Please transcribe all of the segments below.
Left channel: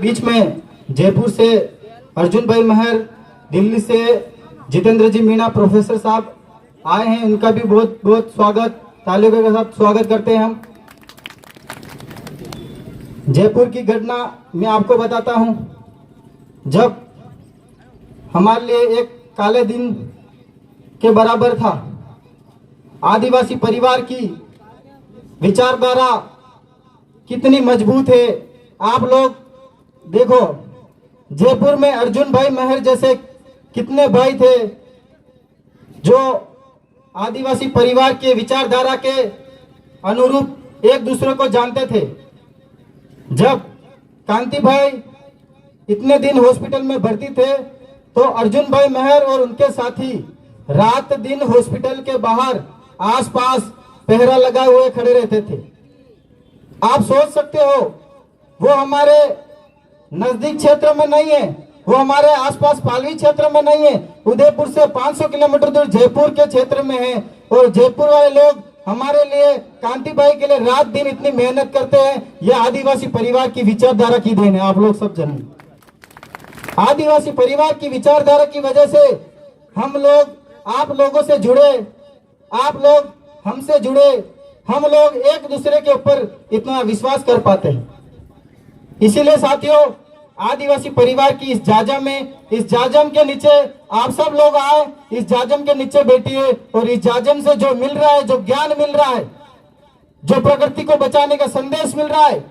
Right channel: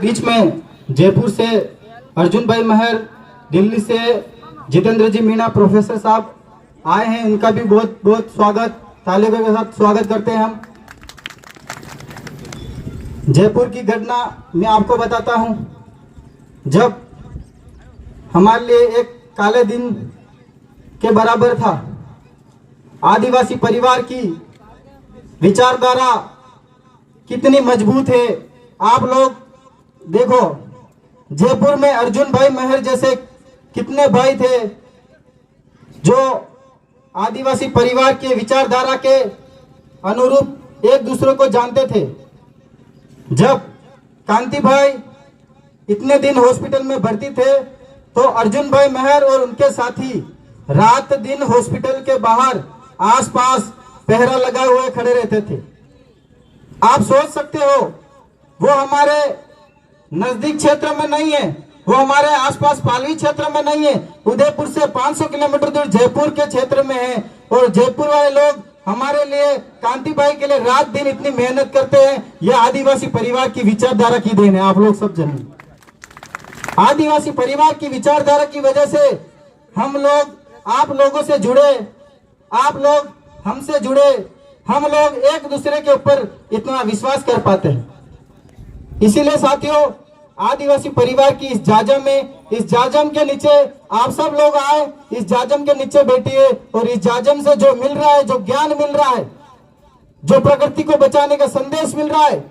बीच में जयपुर से अर्जुन भाई महर, दिल्ली से जितेंद्र जी मीणा प्रोफेसर साहब आए हैं। इनका भी बहुत बहुत स्वागत, तालियों के साथ स्वागत करते हैं हम। जयपुर की घटना मैं आपको बताता हूं। जब हमारे लिए एक काले दिन के बराबर था। आदिवासी परिवार की विचारधारा कितनी मजबूत है आप लोग देखो। जयपुर में अर्जुन भाई महर जैसे कितने भाई थे जो आदिवासी परिवार के विचारधारा के अनुरूप एक दूसरे को जानते थे। जब कांति भाई इतने दिन हॉस्पिटल में भर्ती थे तो अर्जुन भाई महर और उनके साथी रात दिन हॉस्पिटल के बाहर आसपास पहरा लगाए हुए खड़े रहते थे। आप सोच सकते हो वो हमारे नजदीक क्षेत्र में नहीं है, वो हमारे आसपास पालवी क्षेत्र में नहीं है, उदयपुर से 500 किलोमीटर दूर जयपुर के क्षेत्र में है। और जयपुर वाले लोग हमारे लिए, कांति भाई के लिए रात दिन इतनी मेहनत करते हैं। यह आदिवासी परिवार की विचारधारा की देन है। आप लोग सब जानिए, आदिवासी परिवार की विचारधारा की वजह से हम लोग आप लोगों से जुड़े, आप लोग हमसे जुड़े, हम लोग एक दूसरे के ऊपर इतना विश्वास कर पाते हैं। इसीलिए साथियों, आदिवासी परिवार की इस जाजम में, इस जाजम के नीचे आप सब लोग आए, इस जाजम के नीचे बैठिए और इस जाजम से जो मिल रहा है, जो ज्ञान मिल रहा है, जो प्रकृति को बचाने का संदेश मिल रहा है,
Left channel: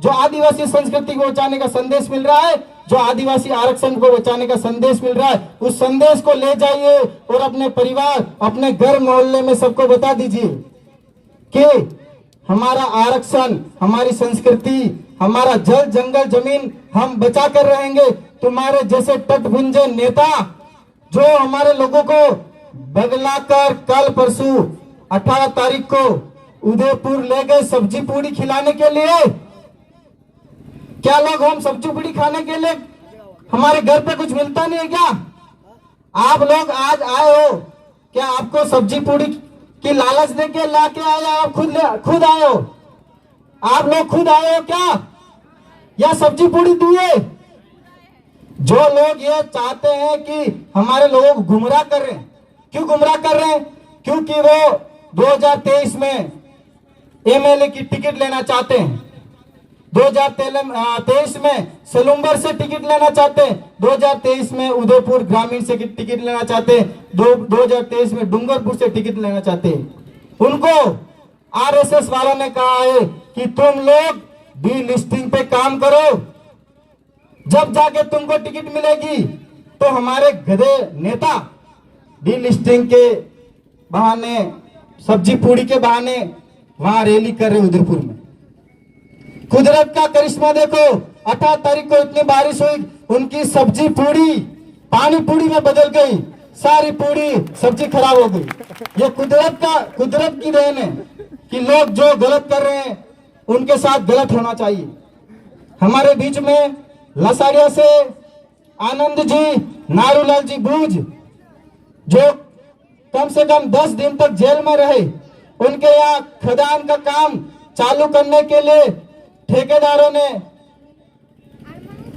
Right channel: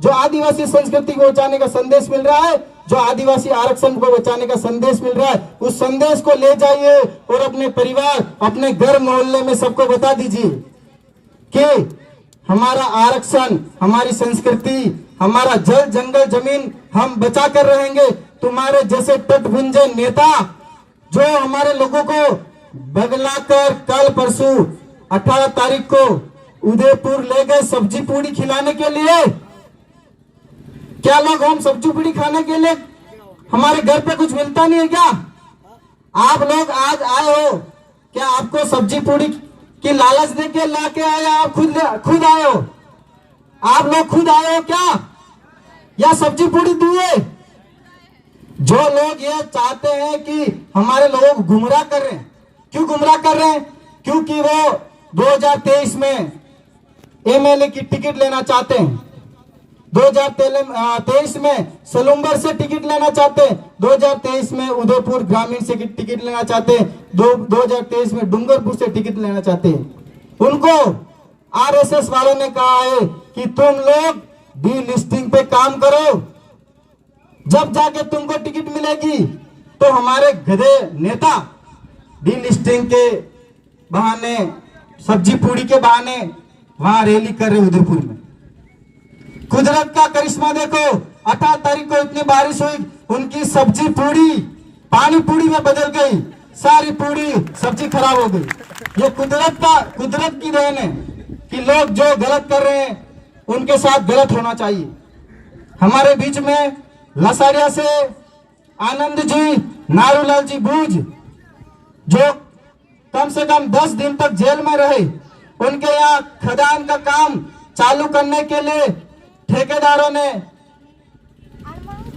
जो आदिवासी संस्कृति को बचाने का संदेश मिल रहा है, जो आदिवासी आरक्षण को बचाने का संदेश मिल रहा है, उस संदेश को ले जाइए और अपने परिवार, अपने घर मोहल्ले में सबको बता दीजिए कि हमारा आरक्षण, हमारी संस्कृति, हमारा जल जंगल जमीन हम बचा कर रहेंगे। तुम्हारे जैसे तटभुंजे नेता जो हमारे लोगों को बगलाकर कल परसों 18 तारीख को उदयपुर ले गए सब्जी पूड़ी खिलाने के लिए। क्या लोग हम सब्जी पूड़ी खाने के लिए हमारे घर पे कुछ मिलता नहीं है क्या? आप लोग आज आए हो, क्या आपको सब्जी पूड़ी की लालच देके लाके आए? आप खुद आए हो? आप लोग खुद आए हो क्या, या सब्जी पूड़ी दिए? जो लोग ये चाहते हैं कि हमारे लोगों को गुमराह कर रहे हैं, क्यों गुमराह कर रहे हैं? क्योंकि वो 2023 में एमएलए की टिकट लेना चाहते हैं, 2023 में सलूम्बर से टिकट लेना चाहते हैं, 2023 में उदयपुर ग्रामीण से टिकट लेना चाहते हैं, 2023 में डूंगरपुर से टिकट लेना चाहते हैं। उनको आरएसएस वालों ने कहा है कि तुम लोग डी लिस्टिंग पे काम करो, जब जाके तुमको टिकट मिलेगी। तो हमारे गधे नेता डी लिस्टिंग के बहाने, सब्जी पूड़ी के बहाने वहां रैली कर रहे उदयपुर में। कुदरत का करिश्मा देखो, 18 तारीख को इतनी बारिश हुई, उनकी सब्जी पूड़ी पानी पूड़ी में बदल गई, सारी पूड़ी सब्जी खराब हो गई। ये कुदरत की देन है कि लोग जो गलत कर रहे हैं उनके साथ गलत होना चाहिए। हमारे बीच में लसाड़िया से आनंद जी, नारूलाल जी भूज, जो कम से कम 10 दिन तक जेल में रहे, उनके यहाँ खदान का काम चालू करने के लिए ठेकेदारों ने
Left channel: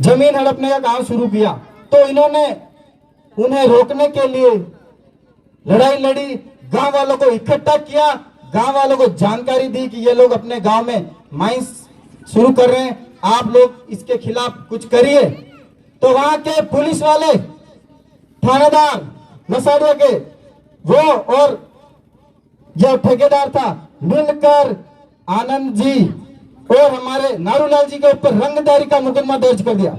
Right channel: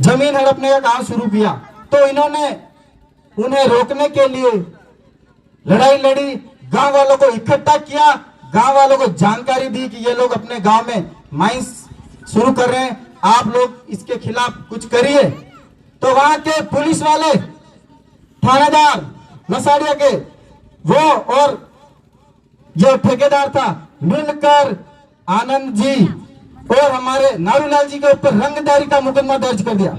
जमीन हड़पने का काम शुरू किया, तो इन्होंने उन्हें रोकने के लिए लड़ाई लड़ी, गांव वालों को इकट्ठा किया, गांव वालों को जानकारी दी कि ये लोग अपने गांव में माइंस शुरू कर रहे हैं, आप लोग इसके खिलाफ कुछ करिए। तो वहां के पुलिस वाले, थानेदार लसाड़िया के, वो और जो ठेकेदार था, मिलकर आनंद जी और हमारे नारूलाल जी के ऊपर रंगदारी का मुकदमा दर्ज कर दिया।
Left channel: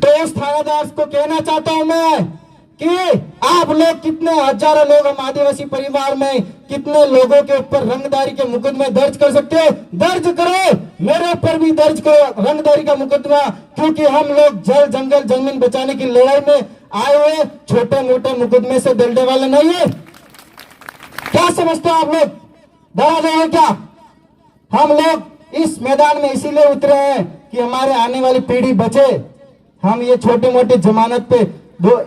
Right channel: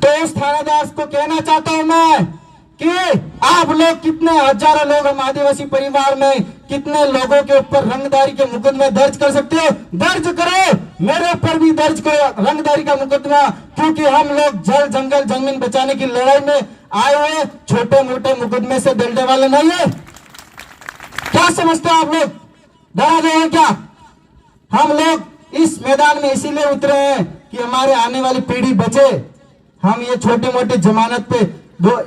तो उस थानेदार को कहना चाहता हूं मैं कि आप लोग, कितने हजारों लोग हम आदिवासी परिवार में, कितने लोगों के ऊपर रंगदारी के मुकदमे दर्ज कर सकते हो? दर्ज करो, मेरे ऊपर भी दर्ज करो रंगदारी का मुकदमा, क्योंकि हम लोग जल जंगल जमीन बचाने की लड़ाई में आए हुए छोटे मोटे मुकदमे से डरने वाले नहीं है। क्या समझते हो आप लोग? डरा गए हैं क्या? हम लोग इस मैदान में इसीलिए उतरे हैं कि हमारे आने वाली पीढ़ी बचे। हम ये छोटे मोटे जमानत पे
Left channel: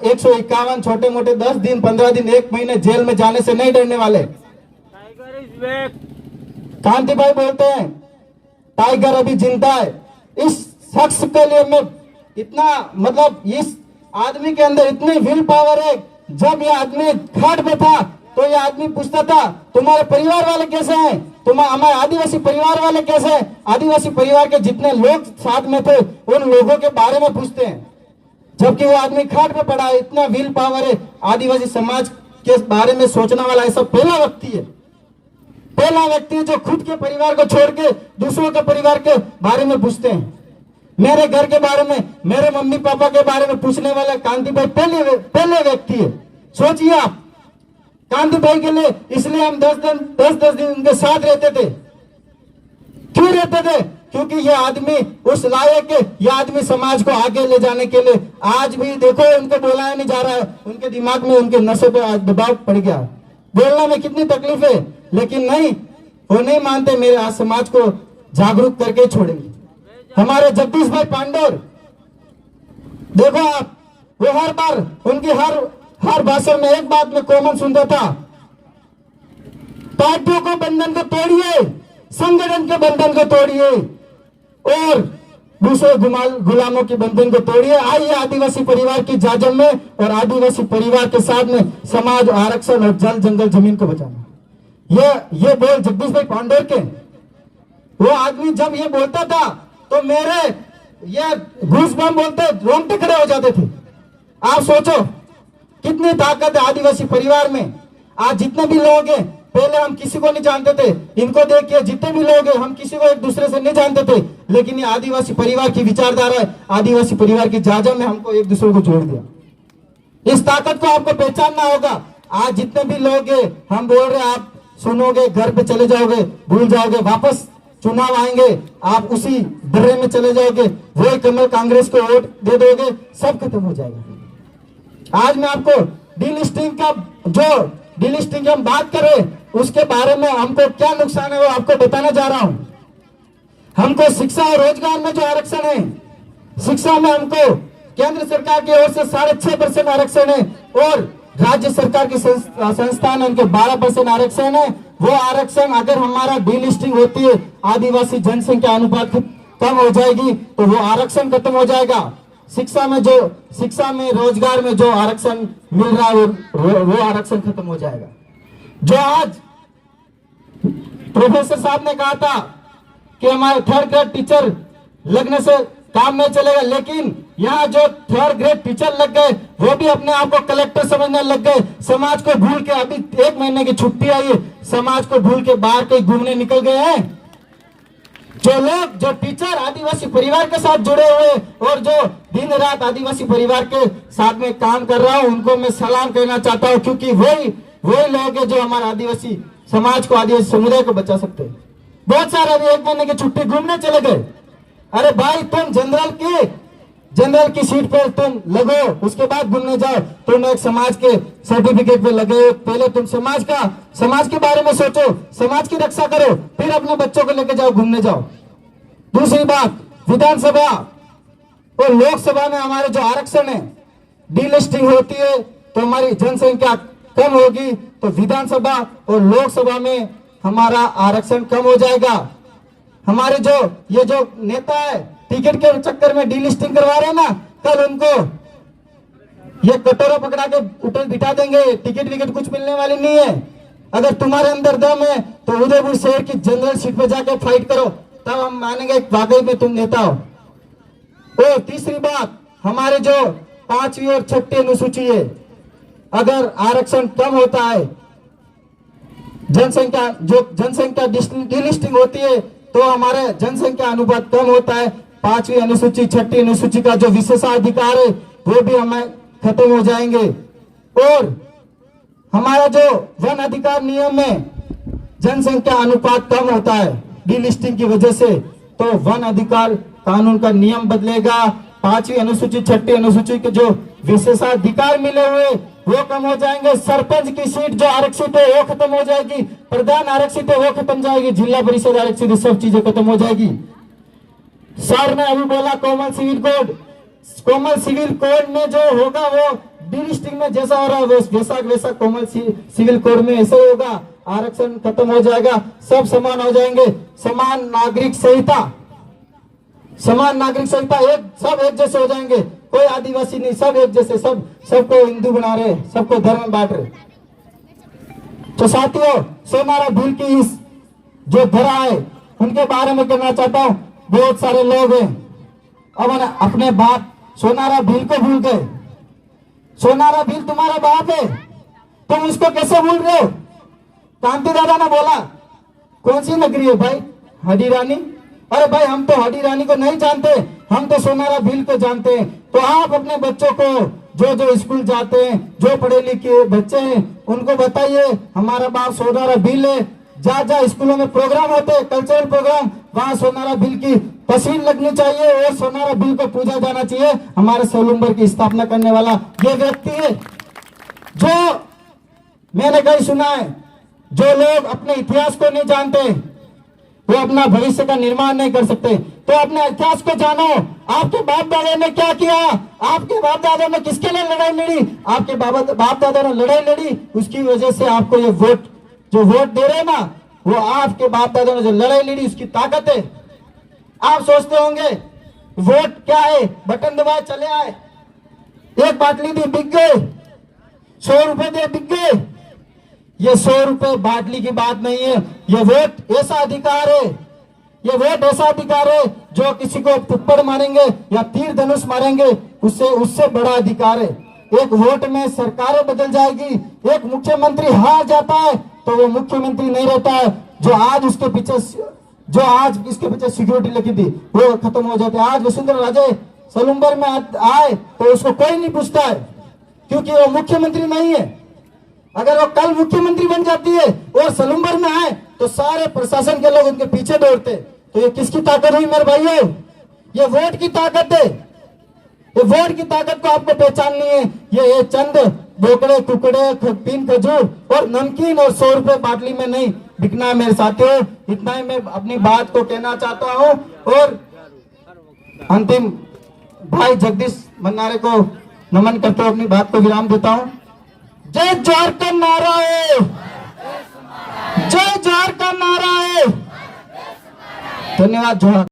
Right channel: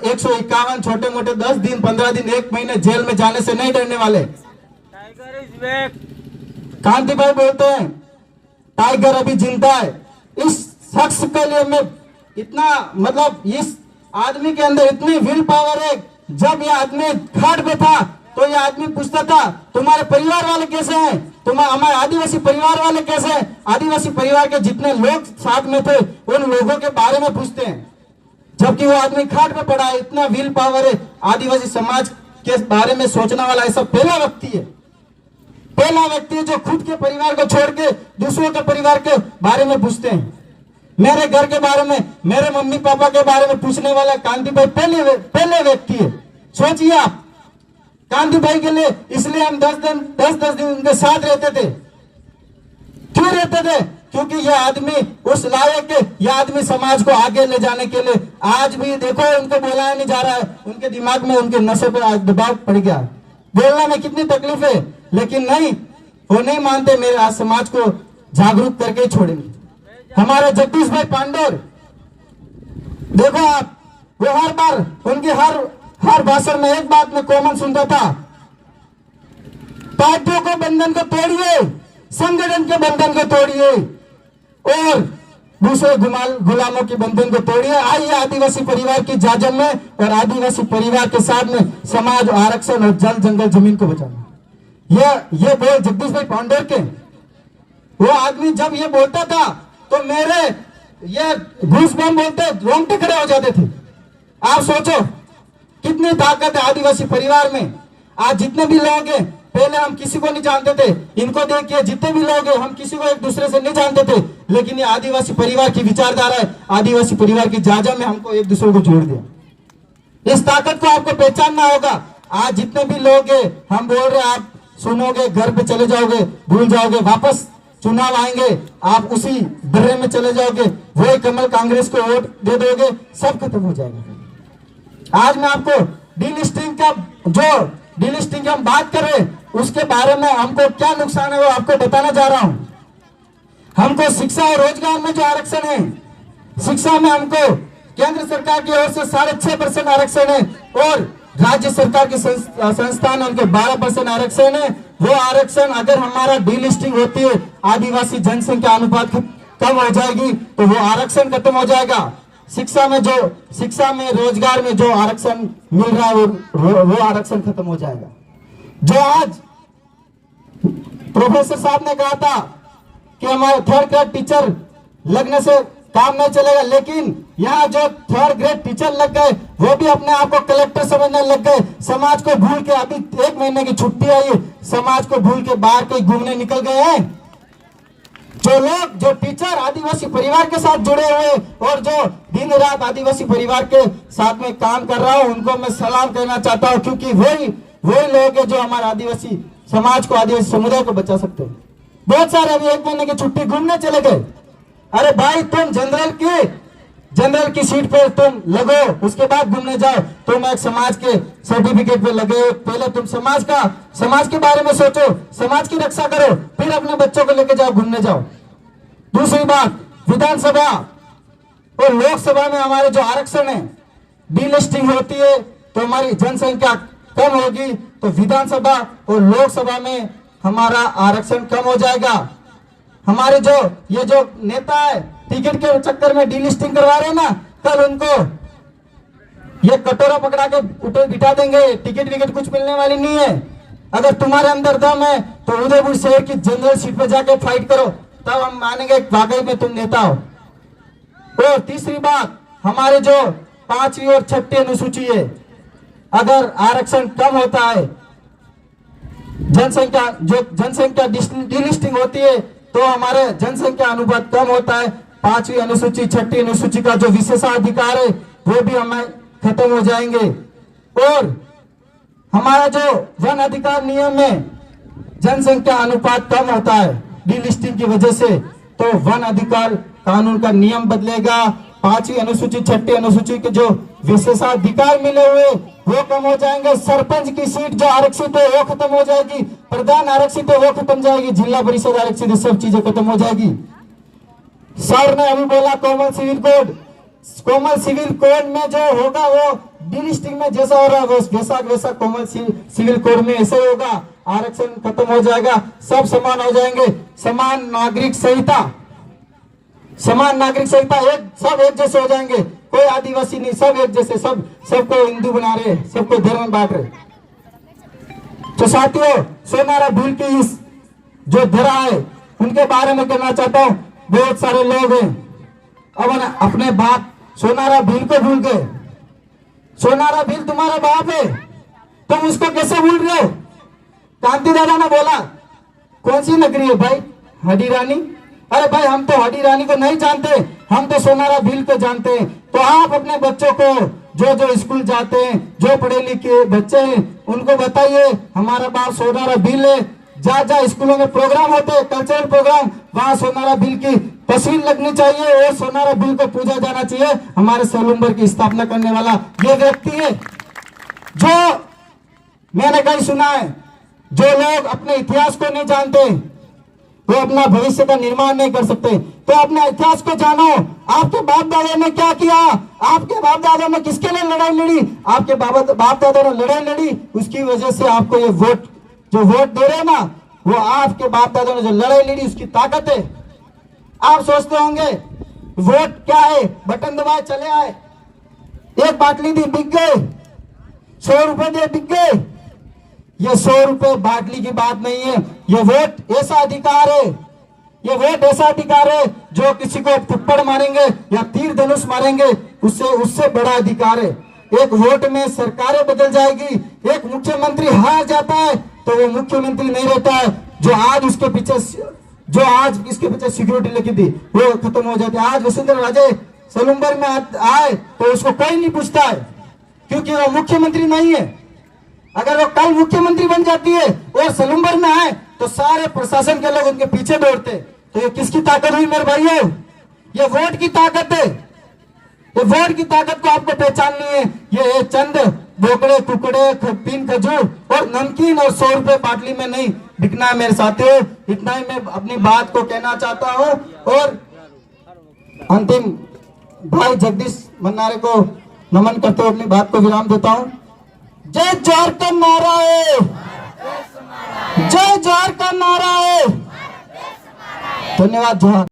151 छोटे मोटे 10 दिन 15 दिन 1 महीने जेल में जाने से नहीं डरने वाले। कांति भाई बोलते हैं टाइगर अभी जिंदा है। इस शख्स के लिए मैं इतना मतलब इस आदमी के अंदर इतनी विल पावर है। जब ये आदमी खाट पे था तो ये आदमी पूछता था तुम्हारे परिवार वाले कैसे हैं, हमारे आदिवासी परिवार वाले कैसे हैं। आदिवासी परिवार के जितने लोग साथ में थे उन लोगों के बारे में पूछते हैं, जबकि वो आदमी खाट पे पड़ा है। इतना विल पावर है। आदिवासी समाज के बारे में सोचने वाला ऐसा पहला व्यक्ति है, पहला व्यक्ति जो खुद के परिवार को छोड़ के दूसरों के परिवार के बारे में पूछते हैं। मेरे घर के बारे में, मेरे मम्मी पापा के बारे में पूछने वाला कांति भाई पहले व्यक्ति है। सोचिए आप, कांति भाई के लिए इसलिए हम 10 दिन उनके साथ रहते थे। क्यों रहते थे? क्योंकि ये आदमी उस लायक है। ये आदमी समाज को आगे ले जाने के लिए, आज भी देखो उनको बुलाया नहीं जा रहा है। उनके दिमाग में, उनके नशे पे दबाव पड़ गया। बोलना में कितनी तकलीफ है, लेकिन नहीं, वो नहीं मानते। मेरे आज समाज को जागरूक करके छोड़ेंगे। हमारे जगदीश भाई पांडोर, देखो आप, वो हर बार उनकी हर भाषण में एक बात में कॉमन सुनता था, पार्टियों को बंधन को तोड़िए, संगठन के बंधन को तोड़िए और दूसरे गुलामों के बंधन को तोड़िए। आइए आदिवासी परिवार की जाजम में और आदिवासी परिवार के साथ में समाज, आरक्षण और जल जंगल जमीन को बचाना। ये बोल जगदीश भाई पांडोर के। वो आदमी जब ये बोलता था तो मेरे ये घूसबम बोलते रोंगटे खड़े हो जाते थे। आप सोचो कितनी ताकत है आदिवासी परिवार में। आज जितने भी लोग हैं, पहले हम किसी को नहीं जानते थे, इनको देखिए जितने भी लोग हैं हम किसी को एक दूसरे से नहीं जानते थे, लेकिन ये आदिवासी परिवार की विचारधारा है, आदिवासी परिवार की जाजम में हमको एक दूसरे को जोड़ दिया। इस ताकत को आपको पहचानना होगा। आज जितने भी लोग हैं, हम बोल रहे, आप सुनोगे, घर पे चले जाओगे, भूल जाओगे, वापस चुनाव आएंगे, आप उसी दर्रे में चले जाओगे, वही कमल कांग्रेस को वोट दे दोगे, सब खत्म हो जाएगा। आज मैं आपको डीलिस्टिंग की हम बात करें, उसके बारे में हमको क्या नुकसान है वो आपको बताना जा रहा हूं। हमको शिक्षा और रोजगार में जो आरक्षण है, शिक्षा में हमको केंद्र सरकार की ओर से 6.5% आरक्षण है और राज्य सरकार की संस्थान उनके 12% आरक्षण है। वो आरक्षण अगर हमारा डीलिस्टिंग होती है, आदिवासी जनसंख्या अनुपात कम हो जाएगी तो वो आरक्षण खत्म हो जाएगा। शिक्षा में रोजगार में जो आरक्षण मिल रहा है वो आरक्षण खत्म हो जाएगा। जो आज प्रोफेसर साहब ने कहा था कि हमारे 3rd ग्रेड टीचर लगने से काम नहीं चलेगा, लेकिन यहाँ जो 3rd ग्रेड टीचर लग गए वो भी अपने आप को कलेक्टर समझने लग गए। समाज को भूल के, अभी 1 महीने की छुट्टी आई है, समाज को भूल के बाहर कहीं घूमने निकल गए हैं। जो टीचर आदिवासी परिवार के साथ जुड़े हुए और जो दिन रात आदिवासी परिवार के साथ में काम कर रहा हूं, उनको मैं सलाम कहना चाहता हूं, क्योंकि वही लोग हैं जो हमारे आदिवासी समाज को, आदिवासी समुदाय को बचा सकते हैं। बहुत सारे अभी 1 महीने की छुट्टी घूमने चले गए। अरे भाई, तुम जनरल की सीट पर तुम लगो, उसके बाद घूमने जाओ। तुम एक समाज के सर्टिफिकेट पे लगे, पहले तुम समाज के बारे में सोचो, समाज की रक्षा करो, फिर अपने बच्चों को लेके जाओ, घूमने जाओ। दूसरी बात, विधानसभा और लोकसभा में हमारे जो आरक्षण है, डीलिस्टिंग होती है तो हमारी जनसंख्या कम होगी, तो विधानसभा और लोकसभा में हमारा आरक्षण कम हो जाएगा। हमारे ये जो नेता है, टिकट के चक्कर में डीलिस्टिंग करवा रहे हैं ना, कल उनको ये कटोरा पकड़ा के ऊपर बिठा देंगे। टिकट विकेट कुछ मिलने वाली नहीं है। अगर तुम्हारे अंदर दम है तो उदयपुर शहर की जनरल सीट पे जाके फाइट करो, तब हम मानेंगे वाकई में तुम नेता हो। और तीसरी बात, हमारे जो 5वीं और 6ठी अनुसूची है, अगर आरक्षण कम होता है, जनसंख्या डीलिस्टिंग होती है तो हमारे जनसंख्या अनुपात कम होता है। 5वीं अनुसूची, 6ठी अनुसूची का जो विशेषाधिकार है वो भी हमें खत्म हो जाएंगे। और हमारा जो वन अधिकार नियम में जनसंख्या अनुपात कम होता है डीलिस्टिंग की वजह से, तो वन अधिकार कानून का नियम बदलेगा। 5वीं अनुसूची, 6ठी अनुसूची के जो विशेषाधिकार मिले हुए वो कम हो जाएंगे। सरपंच की सीट जो आरक्षित है वो खत्म हो जाएगी, प्रधान आरक्षित है वो खत्म हो जाएगी, जिला परिषद आरक्षित है, सब चीजें खत्म हो जाएगी। सर ने अभी बोला कॉमन सिविल कोड में जो होगा वो डीलिस्टिंग में जैसा हो रहा है वैसा कॉमन सिविल कोड में ऐसे होगा। आरक्षण खत्म हो जाएगा, सब समान हो जाएंगे। समान नागरिक संहिता समान नागरिक संहिता सब एक जैसे हो जाएंगे, कोई आदिवासी नहीं, सब एक जैसे, सबको हिंदू बना रहे, सबको धर्म में बांट रहे। तो साथियों, सोनारा भील की इस जो धरा है उनके बारे में कहना चाहता हूं। बहुत सारे लोग हैं अब अपने बाप सोनारा भील को भूल गए। सोनारा भील तुम्हारा बाप है, तुम उसको कैसे भूल रहे हो? कांति दादा ने बोला, कौन सी नगरी है भाई? हडी रानी। अरे भाई, हम तो हडी रानी को नहीं जानते, हम तो सोनारा भील को जानते हैं। तो आप अपने बच्चों को, जो स्कूल जाते हैं, जो पढ़े लिखे बच्चे हैं, उनको बताइए हमारा बाप सोनारा भील है। जहाँ स्कूलों में प्रोग्राम होते हैं, कल्चरल प्रोग्राम, वहाँ सोनारा भील की तस्वीर लगनी चाहिए और सोनारा भील को पूजा जाना चाहिए। हमारे सोलुम्बर की स्थापना करने वाला ये व्यक्ति है। जो मैंने कहीं सुना है, जो लोग अपने इतिहास को नहीं जानते वो अपना भविष्य का निर्माण नहीं कर सकते। तो अपने इतिहास को जानो। आपके बाप दादा ने क्या किया, आपके बाप दादा ने किसके लिए लड़ाई लड़ी, आपके बाप दादा ने लड़ाई लड़ी, उसकी वजह से आपको ये वोट दे रहे ना, वो आपके बाप दादा ने जो लड़ाई लड़ी उसकी ताकत है। आप सोचते होंगे वोट क्या है, बटन दबाए चले आए, एक बाटली दी बिक गए, 100 रुपए दे बिक गए। ये 100 रुपए बाटली की बात नहीं है। ये वोट ऐसा अधिकार है, ये वोट ऐसा अधिकार है जो किसी को थप्पड़ मारेंगे या तीर धनुष मारेंगे उससे बड़ा अधिकार है। एक वोट में सरकारें बदल जाएगी। एक मुख्यमंत्री हार जाता है तो वो मुख्यमंत्री नहीं रहता है। जो आज इसके पीछे सिक्योरिटी लगी थी वो खत्म हो जाती है। आज वसुंधरा राजे सोलुम्बर में आए तो उसको कोई नहीं पूछता है, क्योंकि वो मुख्यमंत्री नहीं है। अगर वो कल मुख्यमंत्री बन जाती है और सोलुम्बर में आए तो सारे प्रशासन के लोग उनके पीछे दौड़ते। तो ये किसकी ताकत हुई मेरे भाइयों? ये वोट की ताकत है। ये वोट की ताकत को आपको पहचाननी है। ये चंद बोकड़े कुकड़े पिन खजूर और नमकीन और 100 रुपए बाटली में नहीं बिकना है मेरे साथियों। इतना ही मैं अपनी बात को कहना चाहता हूँ और अंतिम भाई जगदीश मन्नारे को नमन करते हुए अपनी बात को विराम देता हूँ। जय जोहार का नारा है, जय जोहार का नारा है। धन्यवाद। जोहार।